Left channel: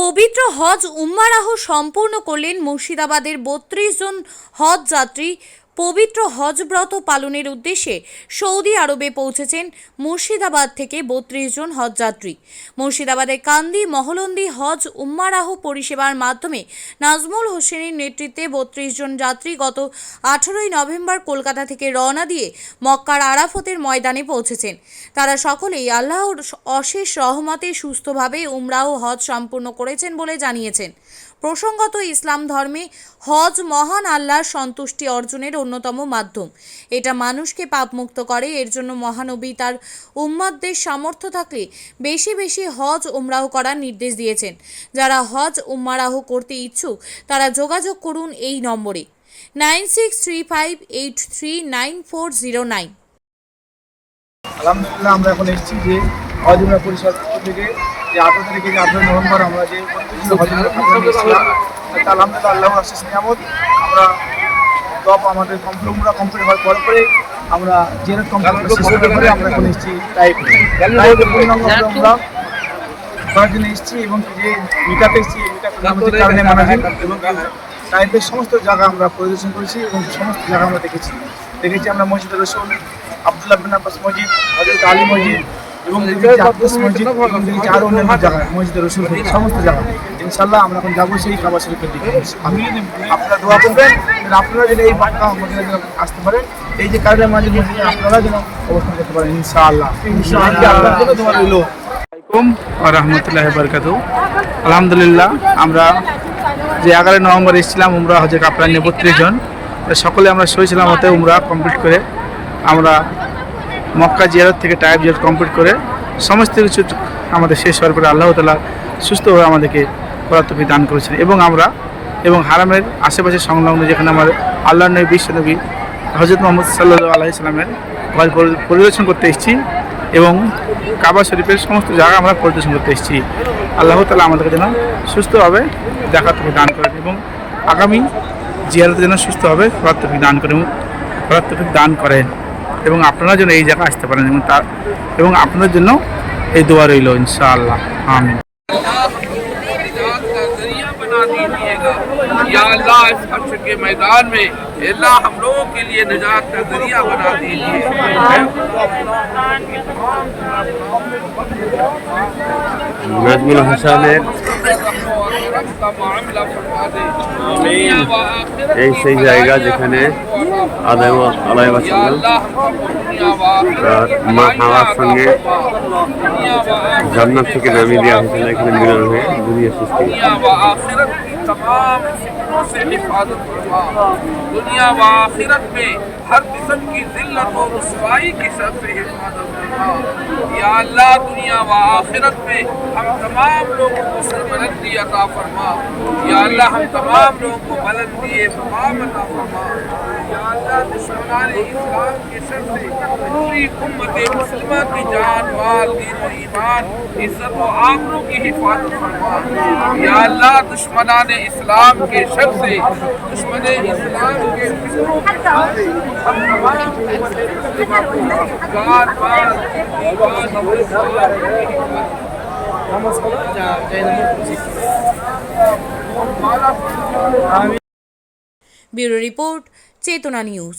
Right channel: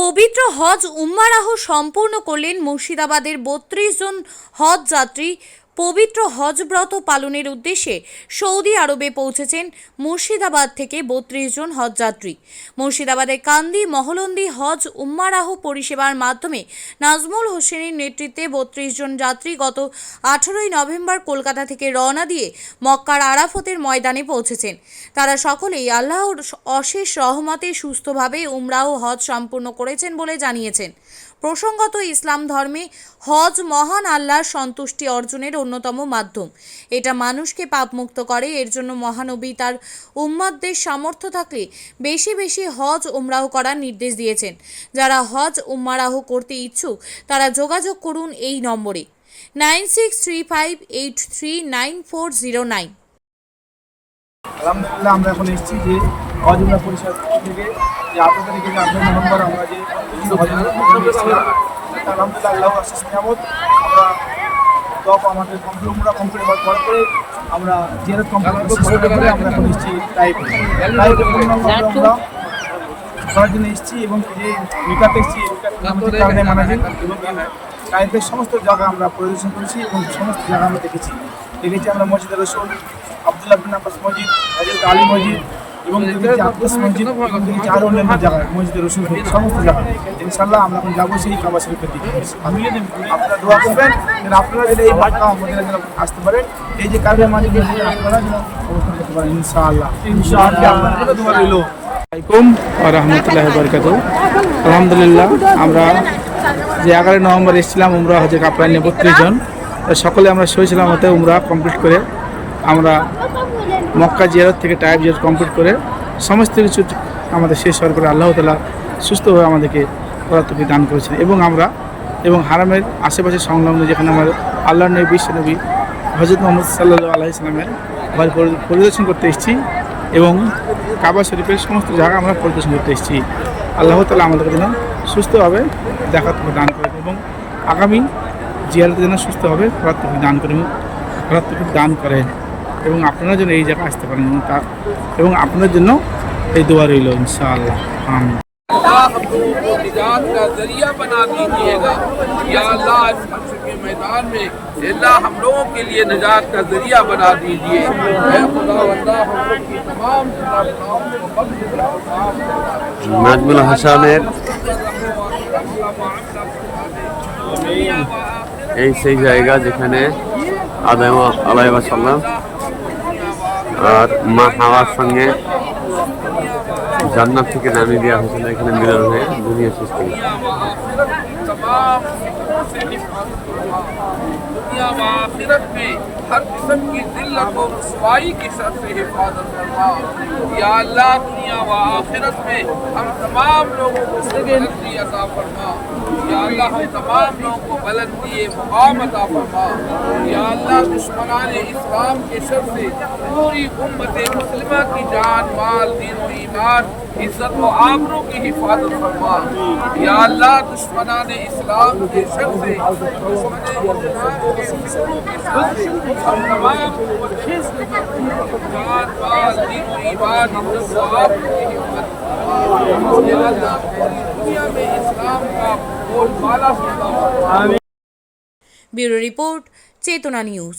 পবিত্র হজ উম্মারাহ সম্পূর্ণ করলেন মুর্শিদাবাদের ৩২ জন হজ যাত্রী। পবিত্র হজ ব্রত পালনের উদ্দেশ্যে সৌদি আরবে পৌঁছেছেন মুর্শিদাবাদ থেকে ৩২ জন হজ যাত্রী। মুর্শিদাবাদের কান্দি মহলন্দি হজ উম্মারাহ পরিষেবার মাধ্যমে নাজমুল হোসেনের নেতৃত্বে ৩২ জন যাত্রী গত 18ই নভেম্বর কলকাতা থেকে রওনা দিয়ে মক্কার আরাফতের ময়দানে পৌঁছেছেন। তারা সকলেই আল্লাহর অশেষ রহমতে সুস্থভাবে উমরাহ হজ সম্পূর্ণ করেছেন বলে জানিয়েছেন। প্রসঙ্গত, ইসলাম ধর্মে হজ মহান আল্লাহর সন্তুষ্টি অর্জনের অন্যতম মাধ্যম। এটা মানুষকে পাপমুক্ত করে। এর জন্য মহানবী তার উম্মতদের সামর্থ্য থাকলে বেশি বেশি হজ উমরাহ করার নির্দেশ দিয়েছেন। যারা হজ উমরাহ করতে ইচ্ছুক তারা যোগাযোগ করুন এই নম্বরে 9635839409। আলহামদুলিল্লাহ, আমরা এখন এসেছি যে হজ উমরা পরিষদ থেকে যে 18 তারিখে যে 18 নভেম্বর আমরা যে হজ উমরা আপনারা এসেছিলাম, আলহামদুলিল্লাহ আল্লাহর অশেষ নিয়ামত। আমরা সব আমাদের কমপ্লিট হওয়ার পরে আমরা জিয়ারত কমপ্লিট শেষ করার পরে আমরা এখন এসেছি তাইফে পূর্ণাঙ্গ আমরা করার জন্য এসেছি এবং যে মিকাতে এসেছি, মিকাতের নাম হচ্ছে কারণে মানাজিল, এবং তাইফের সমস্ত জায়গা আমরা পরিদর্শন করেছি এবং সমস্ত জায়গা আমরা দেখেছি আমরা মসজিদ রসুল, আব্দুল্লাহ বিন আব্বাস মসজিদ, হযরত আলী মসজিদ এবং দেখেছি আব্বাস মসজিদ এবং দেখেছি আরও অন্যান্য জায়গায় মসজিদ রসুল থেকে সমস্ত জায়গা। ইনশাআল্লাহ আমরা এখন যাবো সেই কাবা শরীফের দিকে। আপনারা দোয়া করবেন যেন আপনারা যেন এই মক্কা মদিনা যেন আসতে পারেন, এই যে কারণে মাঝে মসজিদে আপনারা যেন অবস্থান করতে পারেন ইনশাআল্লাহ। আসসালামাইকুম ওয়া রাহমাতুল্লাহি ওয়া বারাকাতুহু। আলহামদুলিল্লাহ, আমরা যে 11 নভেম্বর এসেছিলাম উমরা হজে কাপড় নিয়ে 32 জন, সকলে আমরা সহি সালামতে উমরা কমপ্লিট করে আমরা মক্কা জিয়ারত থেকে তাইফ জিয়ারত কমপ্লিট করে সমস্ত কিছু আমাদের শেষ হওয়ার পরে আল্লাহ তাআলা সুস্থভাবে আমাদেরকে করার তৌফিক দান করেছেন। এবং হারামের আশেপাশে সংলগ্ন যেখানে আমার আল্লাহর নবী বিশ্ব নবী হযরত মুহাম্মদ সাল্লাল্লাহু আলাইহি সাল্লামের ঘর পরিদর্শন করতে এসেছি এবং কাবা শরীফের সমস্ত জায়গা আমরা পরিদর্শন করতে এসেছি। আল্লাহ তাআলা আমাদেরকে যেন সুস্থভাবে দেখার তৌফিক দান করেন এবং আগামী জিয়ারতের জন্য সুস্থভাবে করার তৌফিক দান করেন এবং আপনারা যেন এই জায়গায় আসতে পারেন এবং আপনাদের জন্য এই দোয়া রইল ইনশাআল্লাহ। আমিন। या अल्लाह इस हश्र के मैदान में अल्लाह हम लोगों के लिए निजात का जरिया बना दीजिए। নাজমুল হাসানের এই সেই জায়গা যেখানে আদম আলাইহিস সালাম আর মা হাওয়ার সঙ্গে জান্নাত থেকে নামিয়ে দেওয়া হয়েছিল, এখানে মিলন হয়ে দুনিয়া সৃষ্টি। तमाम फितनों से हिफाजत फरमा, दुनिया व आखिरत में हर किस्म की जिल्लत और रुसवाई की शर से हिफाजत फरमा। या अल्लाह, दुनिया व आखिरत में हम तमाम लोगों को सरबलंदी अता फरमा। या अल्लाह, हम तमाम लोगों को बुलंदी मुकाम अता फरमा। या अल्लाह, दुश्मनान इस्लाम के शर से पूरी उम्मत मुस्लिमा की जान माल दीन व ईमान इज्जत व आबरू की हिफाजत फरमा। या अल्लाह, दुश्मनान इस्लाम के शर से दुश्मन इस्लाम के फिक्रों के शर से हम तमाम उम्मत मुस्लिमा को जान माल दीन व ईमान ব্যুরো রিপোর্ট, চেতনা নিউজ।